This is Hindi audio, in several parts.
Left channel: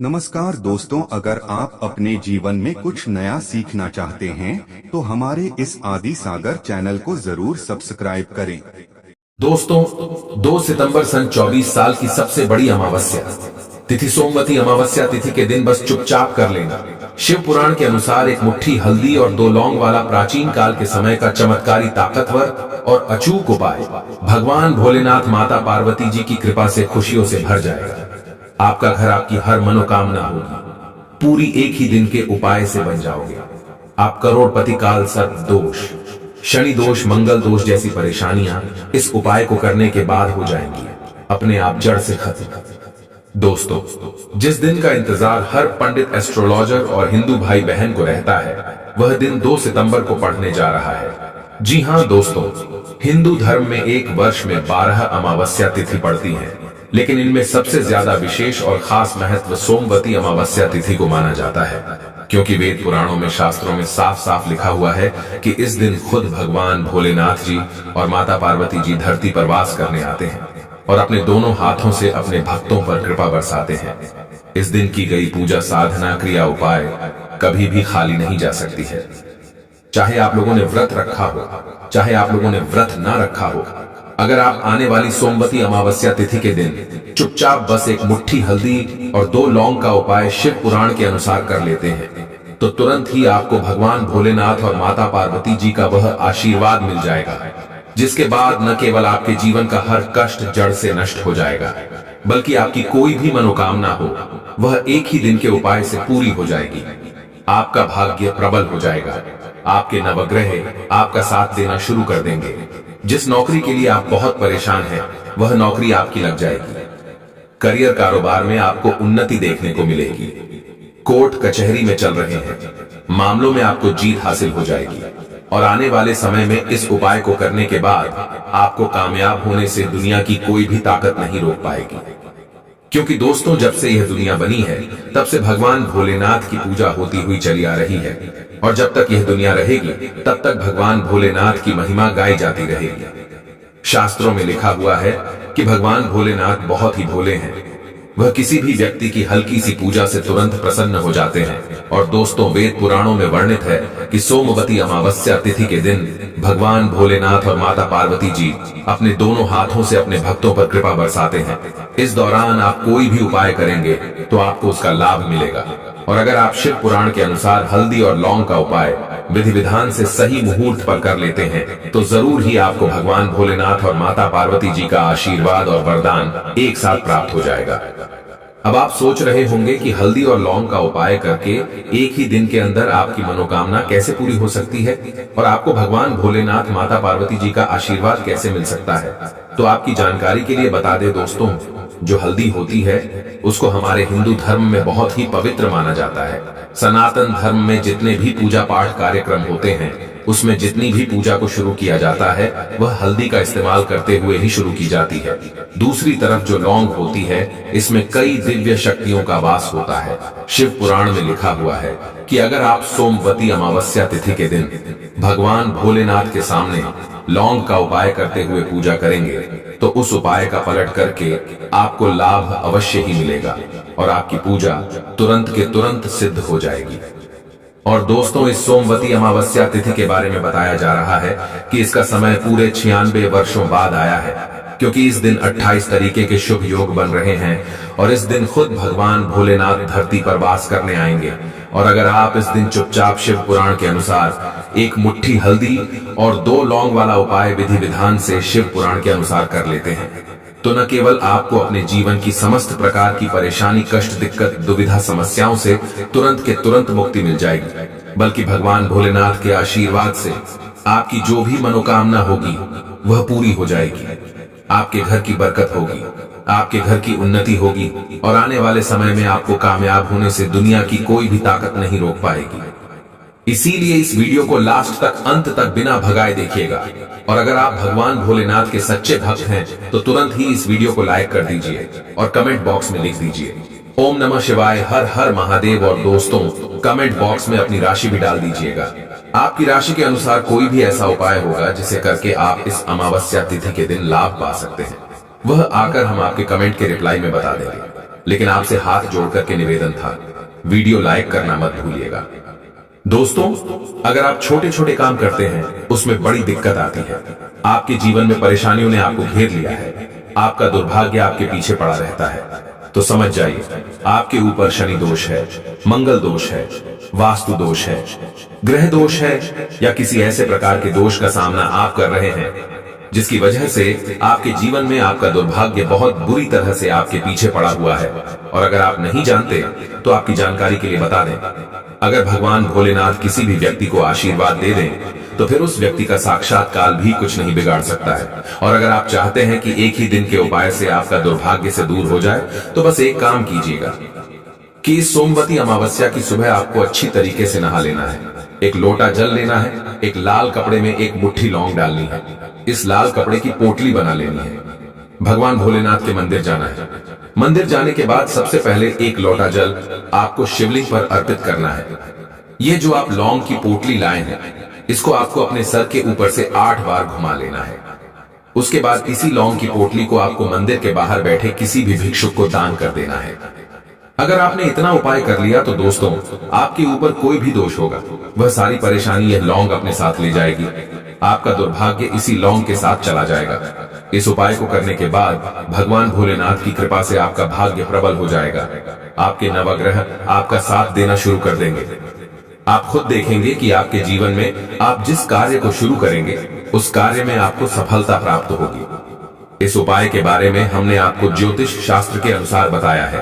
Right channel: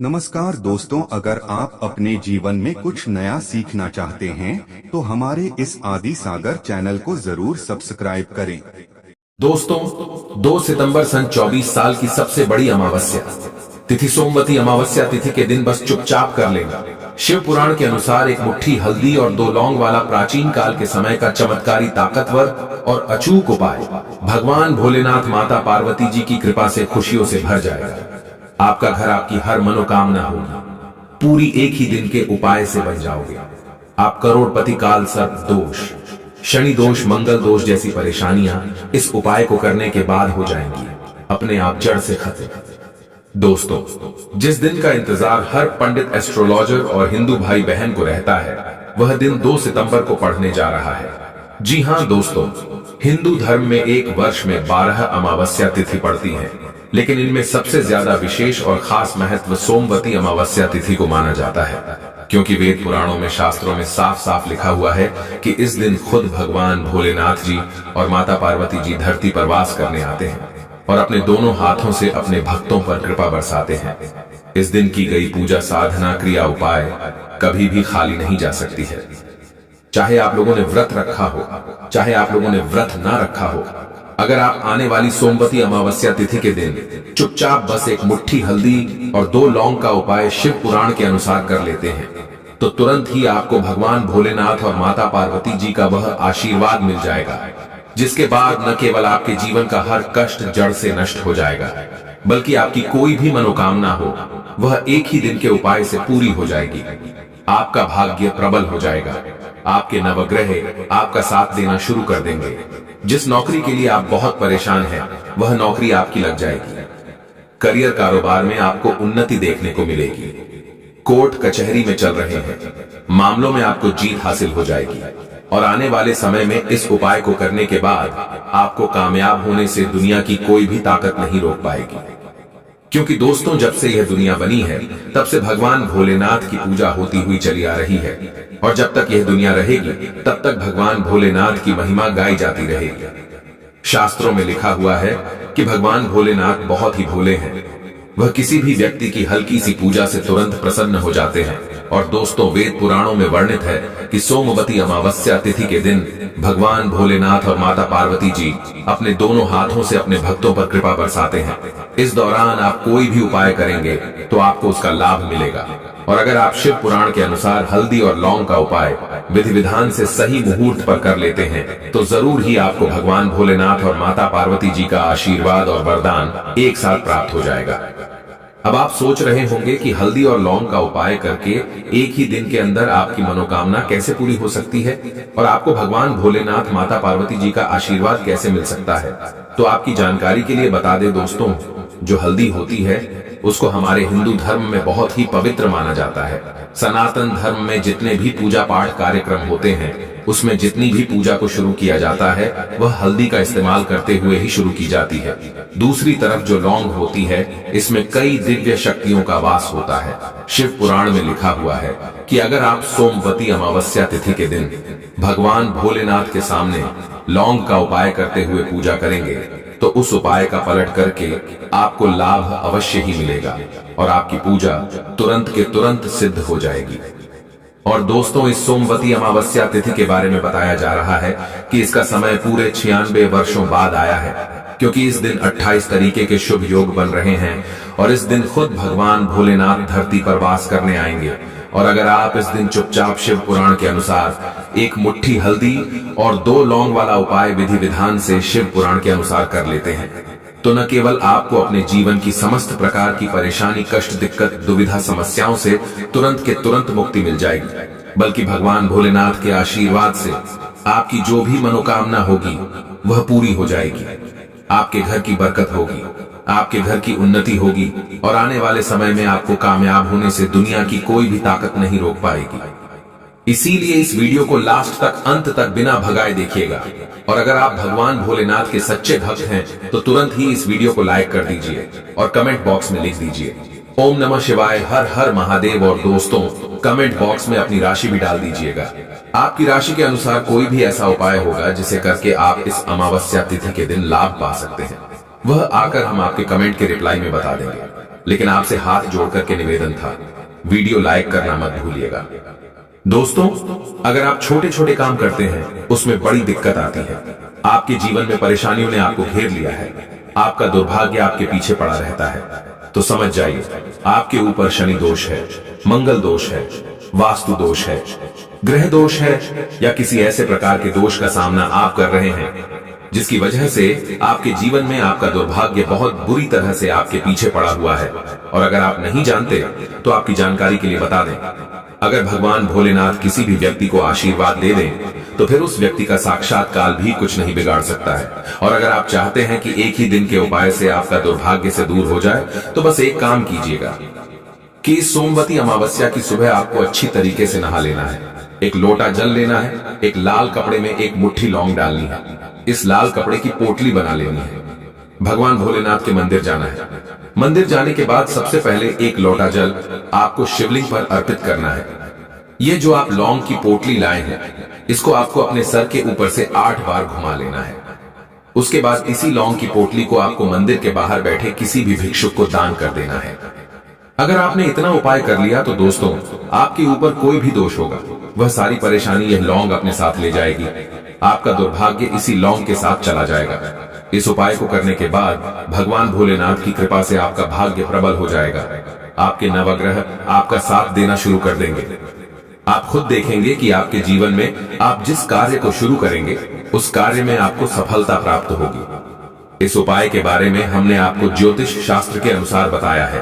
नमस्कार दोस्तों, अगर आप अपने जीवन में कुछ नया सीखना चाहते हैं तो हमारे इस आदि सागर चैनल को जरूर सब्सक्राइब करें। दोस्तों, 2 सितंबर सन 24 साल की सबसे बड़ी अमावस्या तिथि सोमवती अमावस्या तिथि के दिन बस चुपचाप कर लेना। शिव पुराण के अनुसार एक मुट्ठी हल्दी और 2 लौंग वाला प्राचीन काल के समय का चमत्कारी, ताकतवर और अचूक उपाय भगवान भोलेनाथ माता पार्वती जी की कृपा से खुशियों से भर जाएगा। आपका घर, आपकी हर मनोकामना होगी। पूरी एक ही दिन के उपाय से बन जाओगे। आप करोड़पति, काल सर्प दोष, शनि दोष, मंगल दोष जैसी परेशानियां इस उपाय को करने के बाद हो जाएंगी अपने आप जड़ से खत्म। दोस्तों, जिस दिन का इंतजार हर पंडित, एस्ट्रोलॉजर और हिंदू भाई बहन को रहता है, वह दिन 2 सितंबर को पड़ने जा रहा है। जी हां दोस्तों, हिंदू धर्म में एक वर्ष में 12 अमावस्या तिथि पड़ती हैं, लेकिन इनमें सबसे ज्यादा विशेष और खास महत्व सोमवती अमावस्या तिथि को माना जाता है, क्योंकि वेद पुराणों में, शास्त्रों में साफ साफ लिखा हुआ है कि इस दिन खुद भगवान भोलेनाथ जी और माता पार्वती जी धरती पर वास करने आते हैं और अपने दोनों हाथों से अपने भक्तों पर कृपा बरसाते हैं। इस दिन की गई पूजा, साधना, क्रिया, उपाय कभी भी खाली नहीं जा सकती है। चाहे आप लोगों ने व्रत रखा हो, चाहे आप लोगों ने व्रत ना रखा हो, अगर आप आने वाली सोमवती अमावस्या तिथि के दिन चुपचाप बस एक मुट्ठी हल्दी और 2 लौंग का उपाय शिव पुराण के अनुसार कर लेते हैं, तो तुरंत ही आपको भगवान भोलेनाथ और माता पार्वती जी का वह आशीर्वाद मिल जाएगा, जिसके बाद न केवल आपके जीवन का हर कष्ट जड़ से नष्ट हो जाएगा, बल्कि आपकी कोई भी मनोकामना हो वह एक ही दिन के उपाय से पूरी हो जाएगी। आपका भाग्य प्रबल हो जाएगा। आपके नवग्रह आपका साथ देना शुरू कर देंगे। जिस नौकरी के लिए आप बहुत परेशान हैं, वह नौकरी आपकी लग जाएगी। करियर, कारोबार में आपको उन्नति देखने को मिलेगी। कोर्ट कचहरी में चल रहे हैं, मामलों में आपको जीत हासिल हो जाएगी और आने वाले समय में इस उपाय को करने के बाद आपको कामयाब होने से दुनिया की कोई भी ताकत नहीं रोक पाएगी। क्योंकि दोस्तों, जब से यह दुनिया बनी है, तब से भगवान भोलेनाथ की पूजा होती हुई चली आ रही है और जब तक यह दुनिया रहेगी तब तक भगवान भोलेनाथ की महिमा गाई जाती रहेगी। शास्त्रों में लिखा हुआ है कि भगवान भोलेनाथ बहुत ही भोले हैं। वह किसी भी व्यक्ति की हल्की सी पूजा से तुरंत प्रसन्न हो जाते हैं। और दोस्तों, वेद पुराणों में वर्णित है कि सोमवती अमावस्या तिथि के दिन भगवान भोलेनाथ और माता पार्वती जी अपने दोनों हाथों से अपने भक्तों पर कृपा बरसाते हैं। इस दौरान आप कोई भी उपाय करेंगे तो आपको उसका लाभ मिलेगा। और अगर आप शिव पुराण के अनुसार हल्दी और लौंग का उपाय विधि विधान से सही मुहूर्त पर कर लेते हैं, तो जरूर ही आपको भगवान भोलेनाथ और माता पार्वती जी का आशीर्वाद और वरदान एक साथ प्राप्त हो जाएगा। अब आप सोच रहे होंगे कि हल्दी और लौंग का उपाय करके एक ही दिन के अंदर आपकी मनोकामना कैसे पूरी हो सकती है और आपको भगवान भोलेनाथ, माता पार्वती जी का आशीर्वाद कैसे मिल सकता है। तो आपकी जानकारी के लिए बता दें दोस्तों, जो हल्दी होती है उसको हमारे हिंदू धर्म में बहुत ही पवित्र माना जाता है। सनातन धर्म में जितने भी पूजा पाठ कार्यक्रम होते हैं, उसमें जितनी भी पूजा को शुरू किया जाता है वह हल्दी का इस्तेमाल करते हुए ही शुरू की जाती है। दूसरी तरफ जो लौंग होती है, इसमें कई दिव्य शक्तियों का वास होता है। शिव पुराण में लिखा हुआ है कि अगर आप सोमवती अमावस्या तिथि के दिन भगवान भोलेनाथ के सामने लौंग का उपाय करते हुए पूजा करेंगे, तो उस उपाय का पलट करके आपको लाभ अवश्य ही मिलेगा और आपकी पूजा तुरंत के तुरंत सिद्ध हो जाएगी। और दोस्तों, इस सोमवती अमावस्या तिथि के बारे में बताया जा रहा है कि इसका समय पूरे 96 वर्षों बाद आया है, क्योंकि इस दिन 28 तरीके के शुभ योग बन रहे हैं और इस दिन खुद भगवान भोलेनाथ धरती पर वास करने आएंगे। और अगर आप इस दिन चुपचाप शिव पुराण के अनुसार एक मुट्ठी हल्दी और 2 लौंग वाला उपाय विधि विधान से शिव पुराण के अनुसार कर लेते हैं, तो न केवल आपको अपने जीवन की समस्त प्रकार की परेशानी, कष्ट, दिक्कत, दुविधा, समस्याओं से तुरंत के तुरंत मुक्ति मिल जाएगी, बल्कि भगवान भोलेनाथ के आशीर्वाद से आपकी जो भी मनोकामना होगी वह पूरी हो जाएगी। आपके घर की बरकत होगी, आपके घर की उन्नति होगी और आने वाले समय में आपको कामयाब होने से दुनिया की कोई भी ताकत नहीं रोक पाएगी। इसीलिए इस वीडियो को लास्ट तक, अंत तक बिना भगाए देखिएगा। और अगर आप भगवान भोलेनाथ के सच्चे भक्त हैं तो तुरंत ही इस वीडियो को लाइक कर दीजिए और कमेंट बॉक्स में लिख दीजिए ओम नमः शिवाय, हर हर महादेव। और दोस्तों, कमेंट बॉक्स में अपनी राशि भी डाल दीजिएगा। आपकी राशि के अनुसार कोई भी ऐसा उपाय होगा जिसे करके आप इस अमावस्या तिथि के दिन लाभ पा सकते हैं, वह आकर हम आपके कमेंट के रिप्लाई में बता देंगे। लेकिन आपसे हाथ जोड़ करके निवेदन था, वीडियो लाइक करना मत भूलिएगा। दोस्तों, अगर आप छोटे छोटे काम करते हैं उसमें बड़ी दिक्कत आती है। आपके जीवन में परेशानियों ने आपको घेर लिया है, आपका दुर्भाग्य आपके पीछे पड़ा रहता है, तो समझ जाइए आपके ऊपर शनि दोष है, मंगल दोष है, वास्तु दोष है, ग्रह दोष है, या किसी ऐसे प्रकार के दोष का सामना आप कर रहे हैं जिसकी वजह से आपके जीवन में आपका दुर्भाग्य बहुत बुरी तरह से आपके पीछे पड़ा हुआ है। और अगर आप नहीं जानते तो आपकी जानकारी के लिए बता दें, अगर भगवान भोलेनाथ किसी भी व्यक्ति को आशीर्वाद दे दें तो फिर उस व्यक्ति का साक्षात काल भी कुछ नहीं बिगाड़ सकता है। और अगर आप चाहते हैं कि एक ही दिन के उपाय से आपका दुर्भाग्य से दूर हो जाए तो बस एक काम कीजिएगा कि इस सोमवती अमावस्या की सुबह आपको अच्छी तरीके से नहा लेना है। एक लोटा जल लेना है, एक लाल कपड़े में एक मुट्ठी लौंग डालनी है, इस लाल कपड़े की पोटली बना लेनी है, भगवान भोलेनाथ के मंदिर जाना है। मंदिर जाने के बाद सबसे पहले एक लोटा जल आपको शिवलिंग पर अर्पित करना है। ये जो आप लौंग की पोटली लाए हैं इसको आपको अपने सर के ऊपर से 8 बार घुमा लेना है। उसके बाद इसी लौंग की पोटली को आपको मंदिर के बाहर बैठे किसी भी भिक्षुक को दान कर देना है। अगर आपने इतना उपाय कर लिया तो दोस्तों, आपके ऊपर कोई भी दोष होगा वह सारी परेशानी यह लौंग अपने साथ ले जाएगी। आपका दुर्भाग्य इसी लौंग के साथ चला जाएगा। इस उपाय को करने के बाद भगवान भोलेनाथ की कृपा से आपका भाग्य प्रबल हो जाएगा। आपके नवग्रह आपका साथ देना शुरू कर देंगे। आप खुद देखेंगे कि आपके जीवन में आप जिस कार्य को शुरू करेंगे उस कार्य में आपको सफलता प्राप्त होगी। इस उपाय के बारे में हमने आपको ज्योतिष शास्त्र के अनुसार बताया है।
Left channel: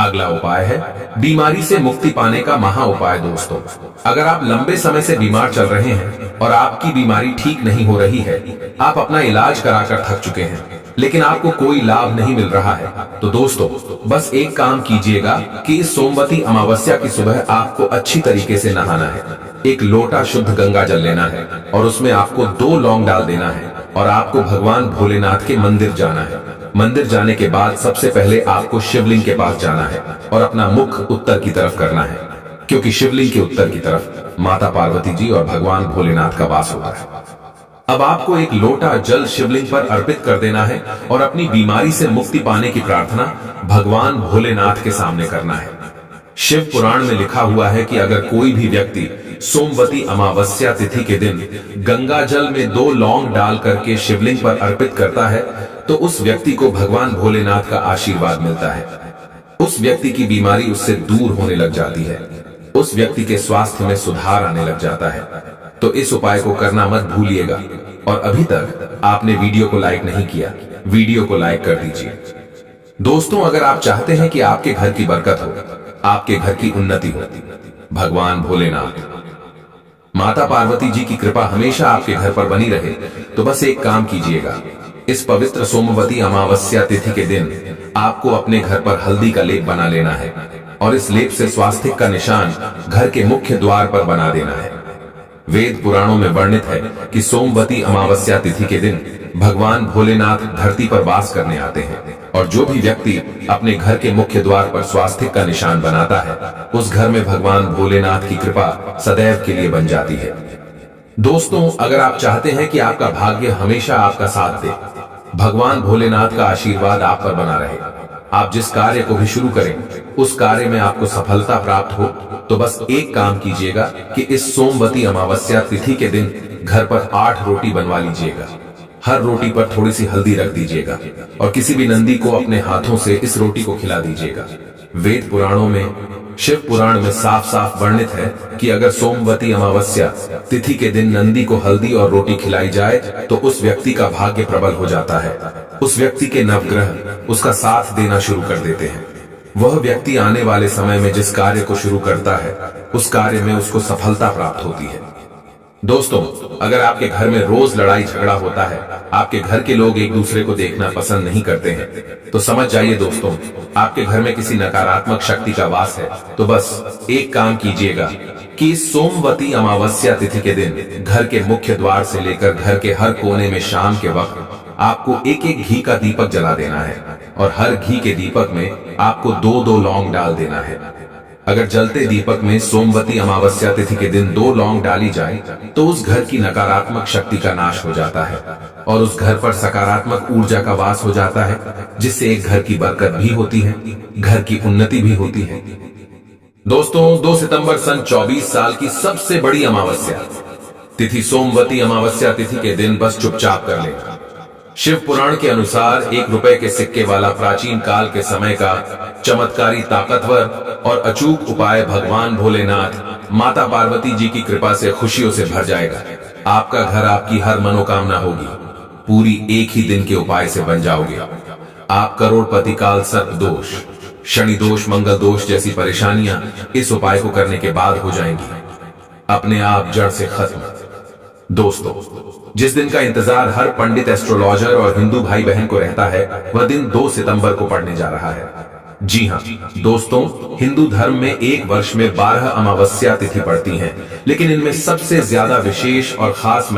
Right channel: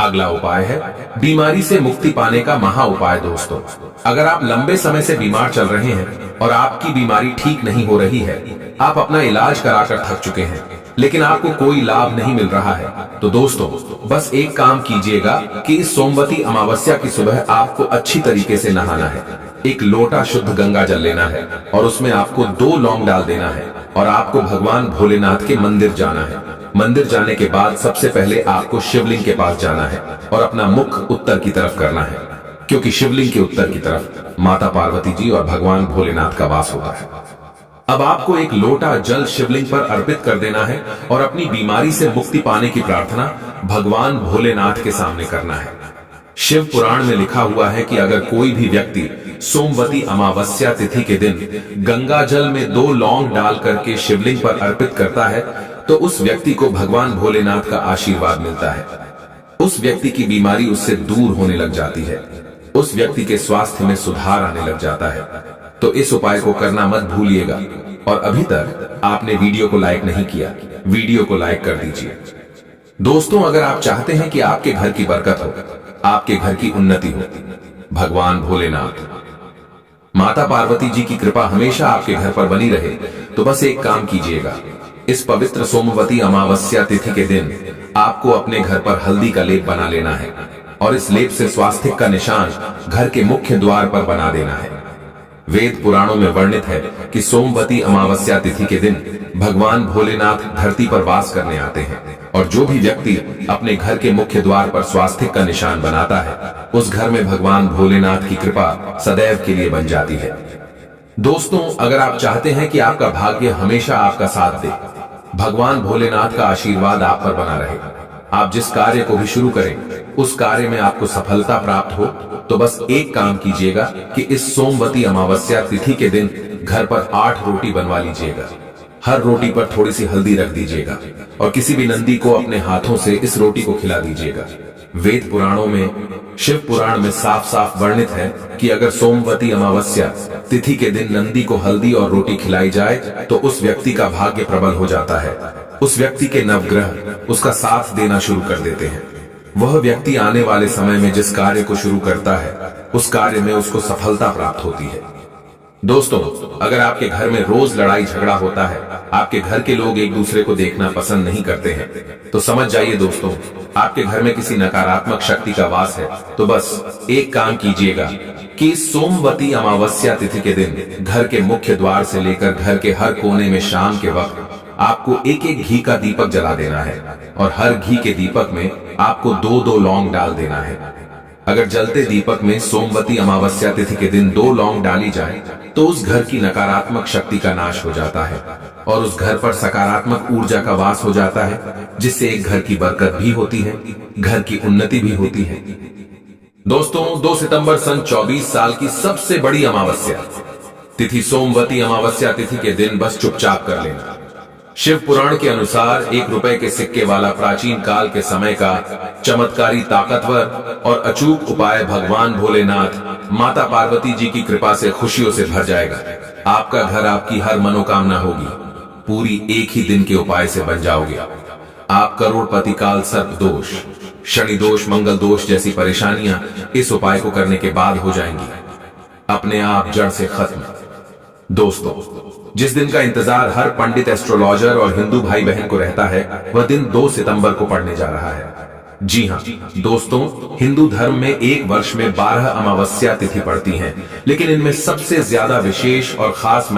अगला उपाय है बीमारी से मुक्ति पाने का महा उपाय। दोस्तों, अगर आप लंबे समय से बीमार चल रहे हैं और आपकी बीमारी ठीक नहीं हो रही है, आप अपना इलाज कराकर थक चुके हैं लेकिन आपको कोई लाभ नहीं मिल रहा है, तो दोस्तों बस एक काम कीजिएगा कि इस सोमवती अमावस्या की सुबह आपको अच्छी तरीके से नहाना है। एक लोटा शुद्ध गंगा जल लेना है और उसमें आपको 2 लौंग डाल देना है और आपको भगवान भोलेनाथ के मंदिर जाना है। मंदिर जाने के बाद सबसे पहले आपको शिवलिंग के पास जाना है और अपना मुख उत्तर की तरफ करना है, क्योंकि शिवलिंग के उत्तर की तरफ माता पार्वती जी और भगवान भोलेनाथ का वास होता है। अब आपको एक लोटा जल शिवलिंग पर अर्पित कर देना है और अपनी बीमारी से मुक्ति पाने की प्रार्थना भगवान भोलेनाथ के सामने करना है। शिव पुराण में लिखा हुआ है कि अगर कोई भी व्यक्ति सोमवती अमावस्या तिथि के दिन गंगा जल में 2 लौंग डाल करके शिवलिंग पर अर्पित करता है तो उस व्यक्ति को भगवान भोलेनाथ का आशीर्वाद मिलता है। उस व्यक्ति की बीमारी उससे दूर होने लग जाती है, उस व्यक्ति के स्वास्थ्य में सुधार आने लग जाता है। तो इस उपाय को करना मत भूलिएगा। और अभी तक आपने वीडियो को लाइक नहीं किया, वीडियो को लाइक कर दीजिए। दोस्तों, अगर आप चाहते हैं कि आपके घर की बरकत हो, आपके घर की उन्नति हो, भगवान भोलेनाथ माता पार्वती जी की कृपा हमेशा आपके घर पर बनी रहे, तो बस एक काम कीजिएगा। इस पवित्र सोमवती अमावस्या तिथि के दिन आपको अपने घर पर हल्दी का लेप बना लेना है और इस लेप से स्वास्तिक का निशान घर के मुख्य द्वार पर बना देना है। वेद पुराणों में वर्णित है कि सोमवती अमावस्या तिथि के दिन भगवान भोलेनाथ धरती पर वास करने आते हैं और जो भी व्यक्ति अपने घर के मुख्य द्वार पर स्वास्तिक का निशान बनाता है उस घर में भगवान भोलेनाथ की कृपा सदैव के लिए बन जाती है। दोस्तों, अगर आप चाहते हैं कि आपका भाग्य हमेशा आपका साथ दे, भगवान भोलेनाथ का आशीर्वाद आप पर बना रहे, आप जिस कार्य को भी शुरू करें उस कार्य में आपको सफलता प्राप्त हो, तो बस एक काम कीजिएगा कि इस सोमवती अमावस्या तिथि के दिन घर पर 8 रोटी बनवा लीजिएगा। हर रोटी पर थोड़ी सी हल्दी रख दीजिएगा और किसी भी नंदी को अपने हाथों से इस रोटी को खिला दीजिएगा। वेद पुराणों में, शिव पुराण में साफ साफ वर्णित है कि अगर सोमवती अमावस्या तिथि के दिन नंदी को हल्दी और रोटी खिलाई जाए तो उस व्यक्ति का भाग्य प्रबल हो जाता है। उस व्यक्ति के नवग्रह उसका साथ देना शुरू कर देते हैं। वह व्यक्ति आने वाले समय में जिस कार्य को शुरू करता है उस कार्य में उसको सफलता प्राप्त होती है। दोस्तों, अगर आपके घर में रोज लड़ाई झगड़ा होता है, आपके घर के लोग एक दूसरे को देखना पसंद नहीं करते हैं, तो समझ जाइए दोस्तों, आपके घर में किसी नकारात्मक शक्ति का वास है। तो बस एक काम कीजिएगा कि इस सोमवती अमावस्या तिथि के दिन घर के मुख्य द्वार से लेकर घर के हर कोने में शाम के वक्त आपको एक एक घी का दीपक जला देना है और हर घी के दीपक में आपको 2-2 लौंग डाल देना है। अगर जलते दीपक में सोमवती अमावस्या तिथि के दिन 2 लौंग डाली जाए तो उस घर की नकारात्मक शक्ति का नाश हो जाता है। और उस घर पर सकारात्मक ऊर्जा का वास हो जाता है, जिससे एक घर की बरकत भी होती है, घर की उन्नति भी होती है। दोस्तों, 2 सितंबर सन 24 साल की सबसे बड़ी अमावस्या तिथि सोमवती अमावस्या तिथि के दिन बस चुपचाप कर लेना। शिव पुराण के अनुसार 1 रुपए के सिक्के वाला प्राचीन काल के समय का चमत्कारी, ताकतवर और अचूक उपाय भगवान भोलेनाथ, माता पार्वती जी की कृपा से खुशियों से भर जाएगा। आपका घर, आपकी हर मनोकामना होगी पूरी, एक ही दिन के उपाय से बन जाओगे। आप करोड़पति काल, सर्प दोष, शनि दोष, मंगल दोष जैसी परेशानियां इस उपाय को करने के बाद हो जाएंगी, अपने आप जड़ से खत्म। दोस्तों, जिस दिन का इंतजार हर पंडित, एस्ट्रोलॉजर और हिंदू भाई बहन को रहता है, वह दिन 2 सितंबर को पड़ने जा रहा है। जी हां दोस्तों, हिंदू धर्म में एक वर्ष में 12 अमावस्या तिथि पड़ती हैं, लेकिन इनमें सबसे ज्यादा विशेष और खास